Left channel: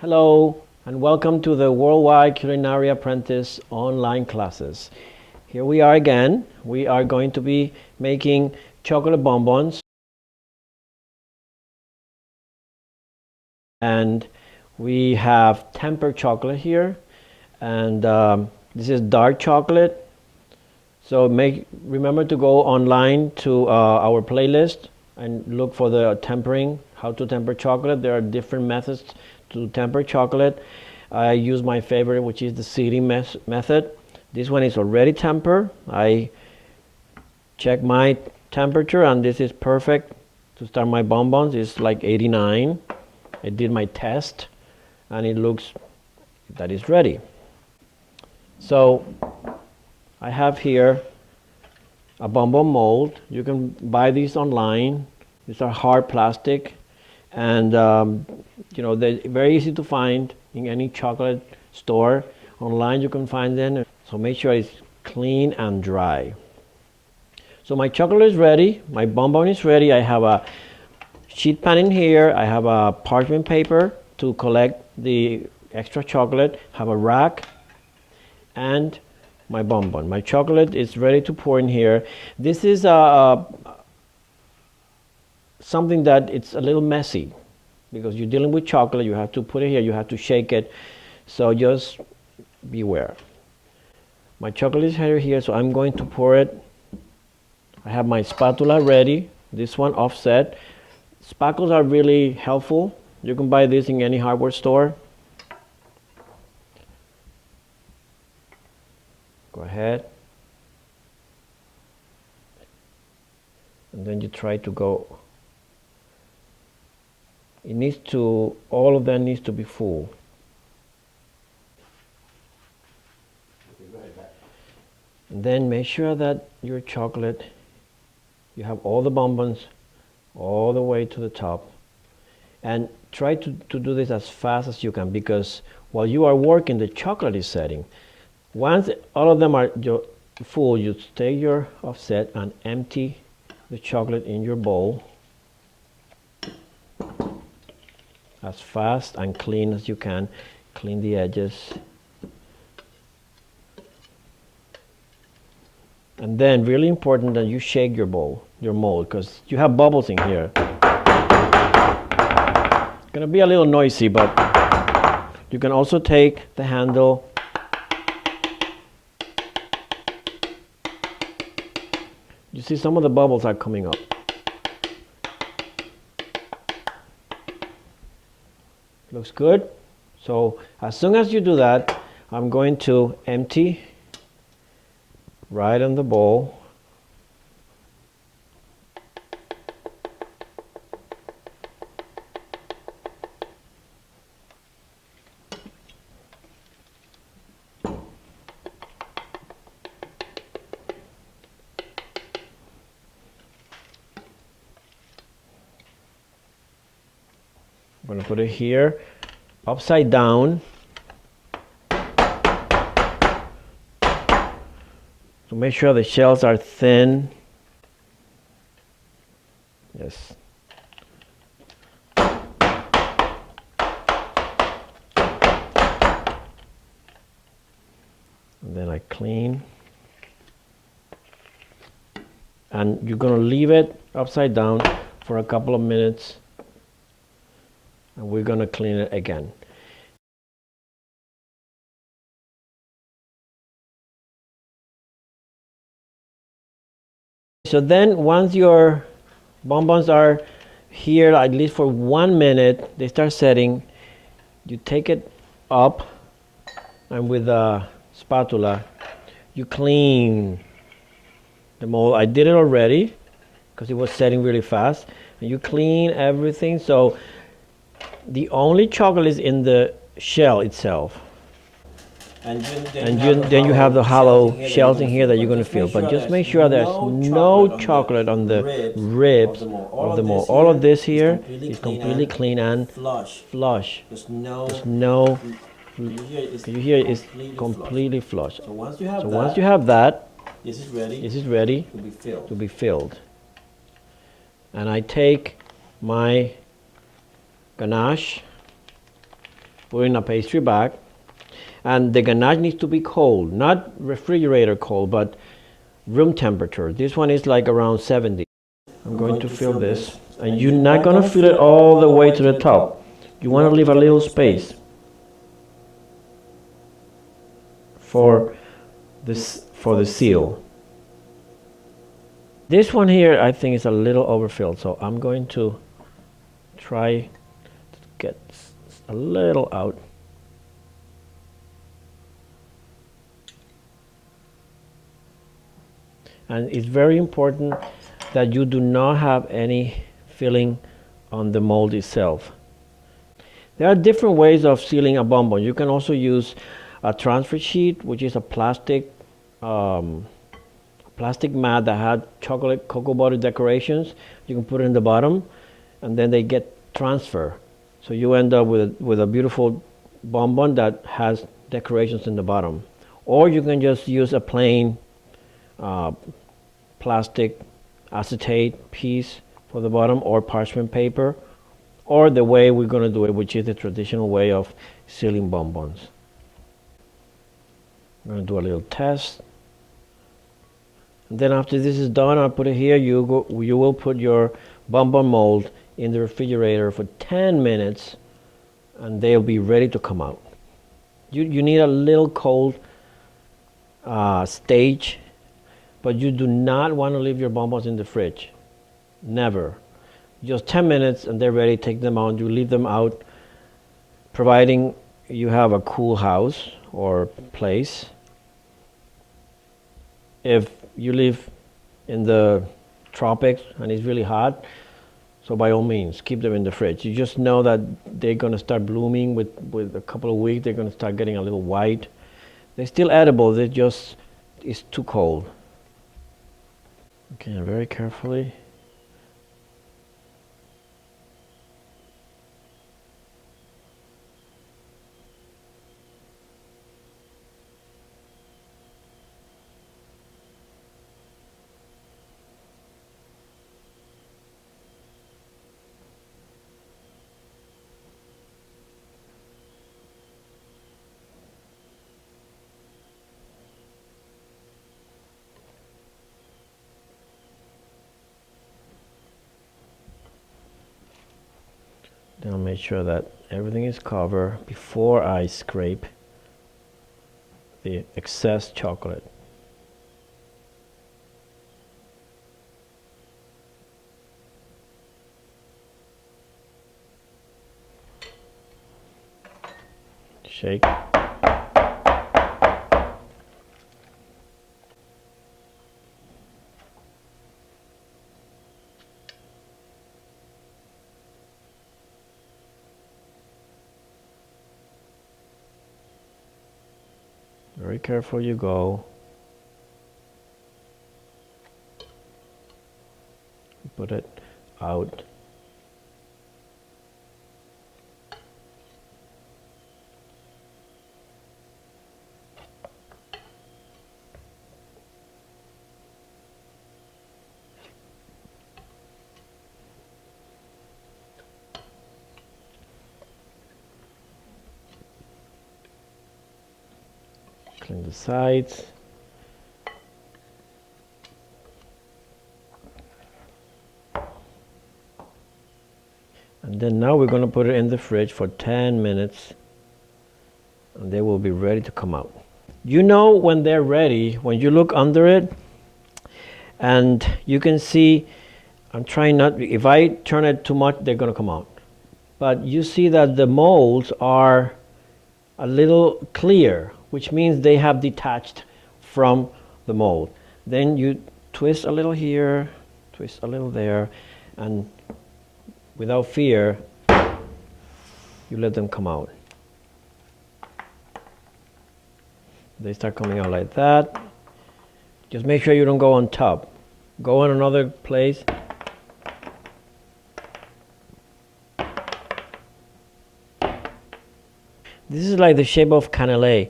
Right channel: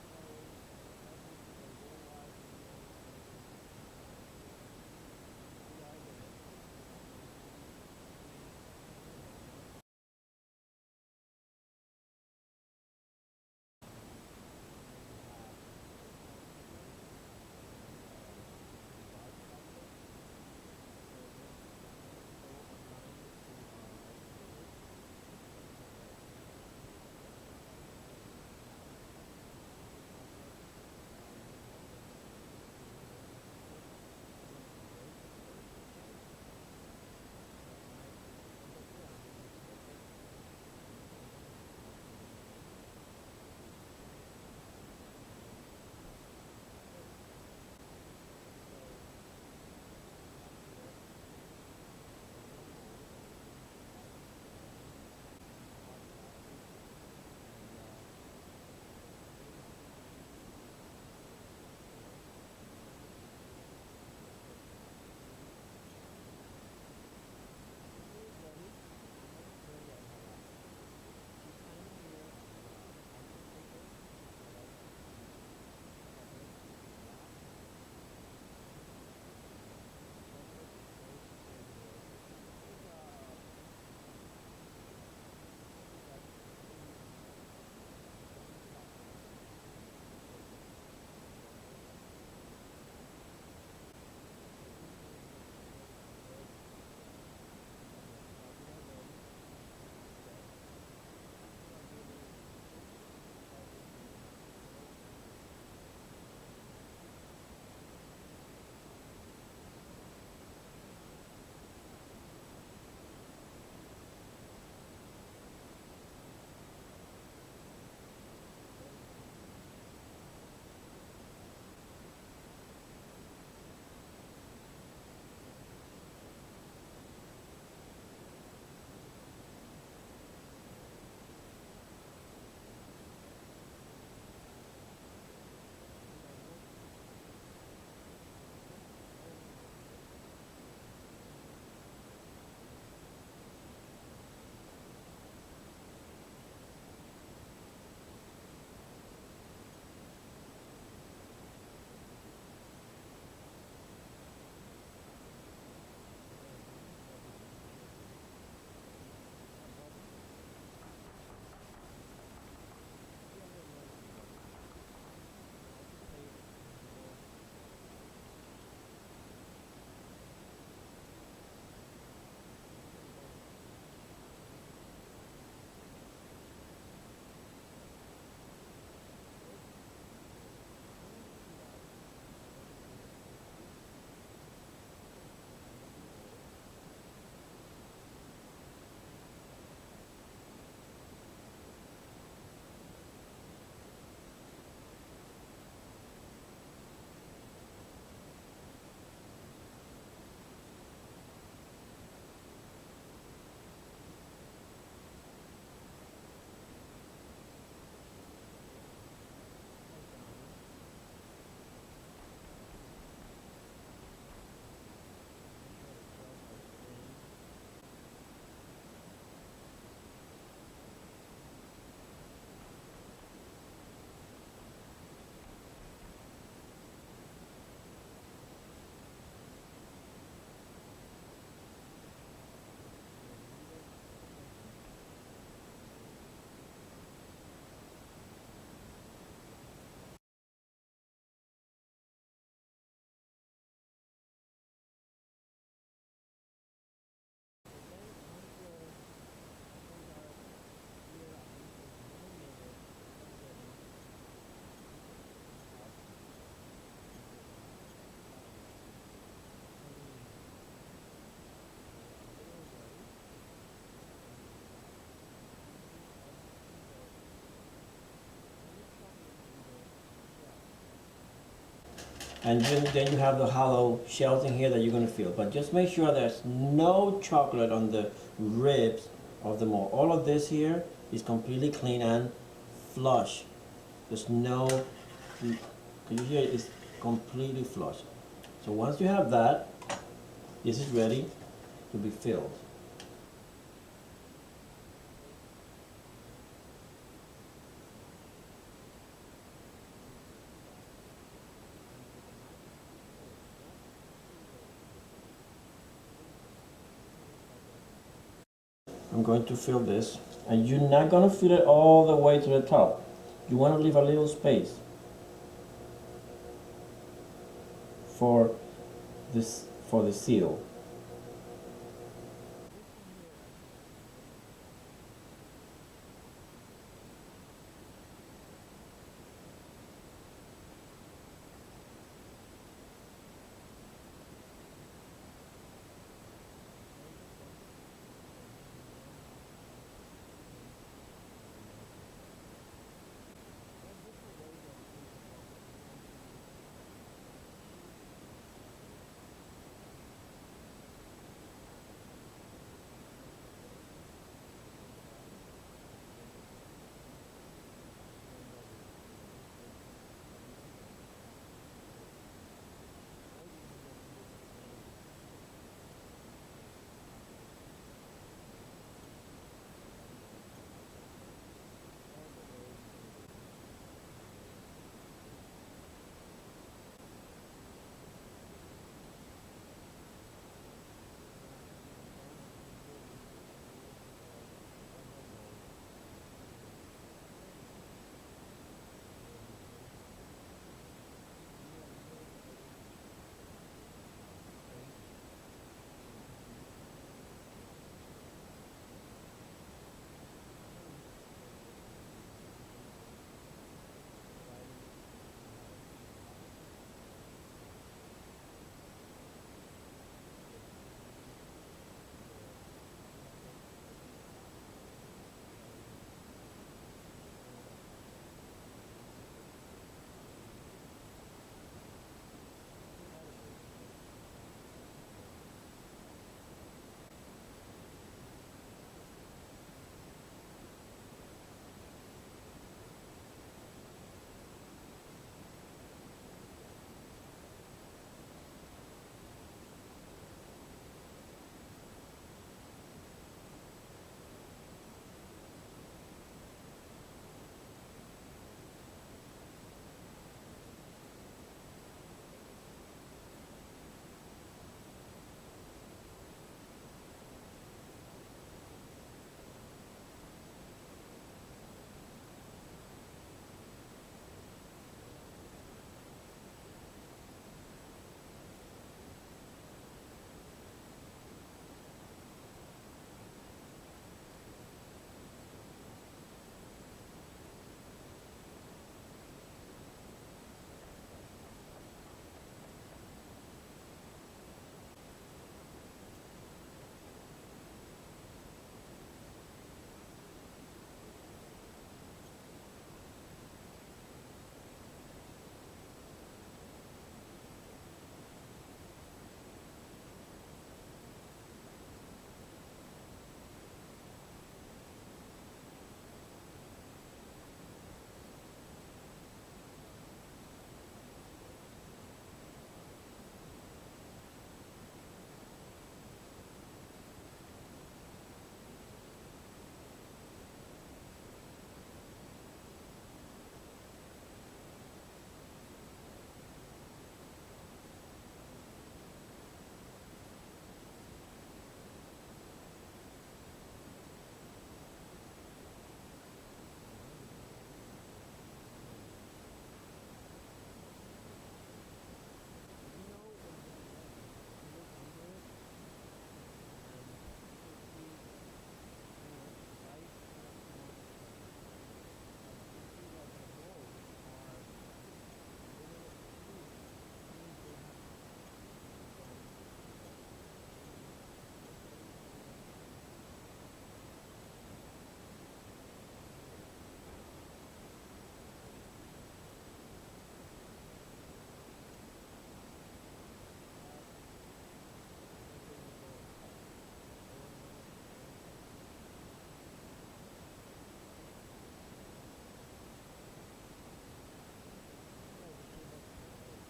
Hello and welcome to the Worldwide Culinary Apprentice online classes. Here we are again. We are going to be making chocolate bonbons, and we have tempered chocolate here, and this is dark chocolate. So remember to go online to our playlist and look for the tempering, how to temper chocolate. There are different methods to temper chocolate. I use my favorite, which is the seeding method. This one is already tempered. I check my temperature and this is perfect to start my bonbons. It's like 89. I did my test and it looks that is ready. So I have here a bonbon mold. You can buy these online. These are hard plastic, and they're very easy to find in any chocolate store. Online you can find them. So make sure it's clean and dry. So my chocolate is ready. My bonbon is ready. I have a sheet pan in here. I have a parchment paper to collect the extra chocolate. Have a rack and my bonbon. My chocolate is ready to pour in here. This is something that it's a little messy because you're dealing with chocolate. You have to put it here, you have to shake it, so just beware. My chocolate is here, so I'm going to pour it. I have my spatula ready, this one offset. Spatulas are really helpful. You can buy this in any hardware store. Go ahead, and then you try to go. All of them needs to be full. And then make sure that your chocolate, you have all the bonbons all the way to the top. And try to do this as fast as you can, because while you are working, the chocolate is setting. Once all of them are full, you take your offset and empty the chocolate in your bowl as fast and clean as you can. Clean the edges. And then really important that you shake your mold, because you have bubbles in here. It's gonna be a little noisy, but you can also take the handle . You see some of the bubbles are coming up. Looks good. So as soon as you do that, I'm going to empty right on the bowl. I'm going to put it here, upside down. So make sure the shells are thin. Yes. And then I clean. And you're going to leave it upside down for a couple of minutes. And we're going to clean it again. So then once your bonbons are here, at least for 1 minute, they start setting, you take it up and with a spatula, you clean the mold. I did it already because it was setting really fast. And you clean everything, so the only chocolate is in the shell itself. And then you have the hollow shells in here that you're going to feel. But just make sure there's no chocolate on the ribs of the mold. All of this here is completely clean and flush. There's no. Can you hear it's completely flush. So once you have that, this is ready to be filled. And I take my ganache put it in a pastry bag. And the ganache needs to be cold, not refrigerator cold, but room temperature. This one is like around 70. I'm going to fill this. And you're not going to fill it all the way to the top. You want to leave a little space for the seal. This one here I think is a little overfilled, so I'm going to try to get a little out. And it's very important that you do not have any filling on the mold itself. There are different ways of sealing a bonbon. You can also use a transfer sheet, which is a plastic mat that had chocolate cocoa butter decorations. You can put it in the bottom, and then they get transfer. So you end up with a beautiful bonbon that has decorations in the bottom. Or you can just use a plain plastic acetate piece for the bottom, or parchment paper, or the way we're going to do it, which is the traditional way of sealing bonbons. I'm going to do a little test. And then after this is done, I'll put it here. You will put your bonbon mold in the refrigerator for 10 minutes, and they'll be ready to come out. You need a little cold stage, but you do not want to leave your bonbons in the fridge. Never. Just 10 minutes and they're ready. Take them out. You leave them out, providing you have a cool house or place. If you live in the tropics and it's really hot, so by all means, keep them in the fridge. You just know that they're going to start blooming with a couple of weeks. They're going to start getting a little white. They're still edible. They just, it's too cold. Okay, very carefully. Then I'll make sure that everything is covered before I scrape the excess chocolate. Shake. Very careful you go. Put it out. Clean the sides. And then now we're going to put it in the fridge for 10 minutes and they will be ready to come out. You know when they're ready when you look under it, and you can see, I'm trying not, if I turn it too much they're going to come out. But you see that the molds are a little clear, which means they have detached from the mold. Then you twist a little here, twist a little there, and without fear, you let them come out. They start coming out like that. Just make sure you don't go on top. Go in another place. This is like the shape of cannelé.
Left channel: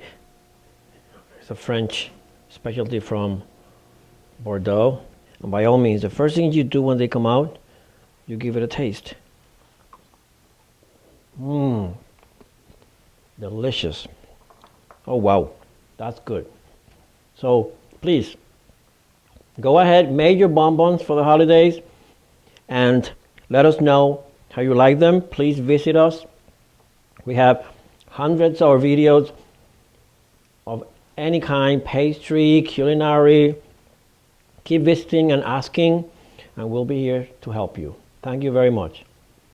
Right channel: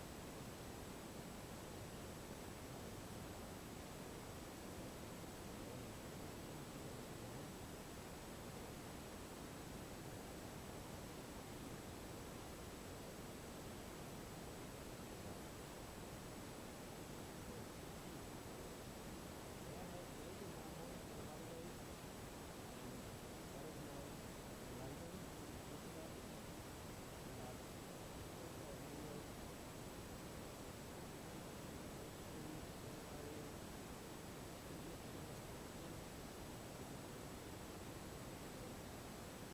It's a French specialty from Bordeaux. And by all means, the first thing you do when they come out, you give it a taste. Delicious. Oh wow, that's good. So please go ahead, make your bonbons for the holidays and let us know how you like them. Please visit us. We have hundreds of videos of any kind, pastry, culinary. Keep visiting and asking, and we'll be here to help you. Thank you very much.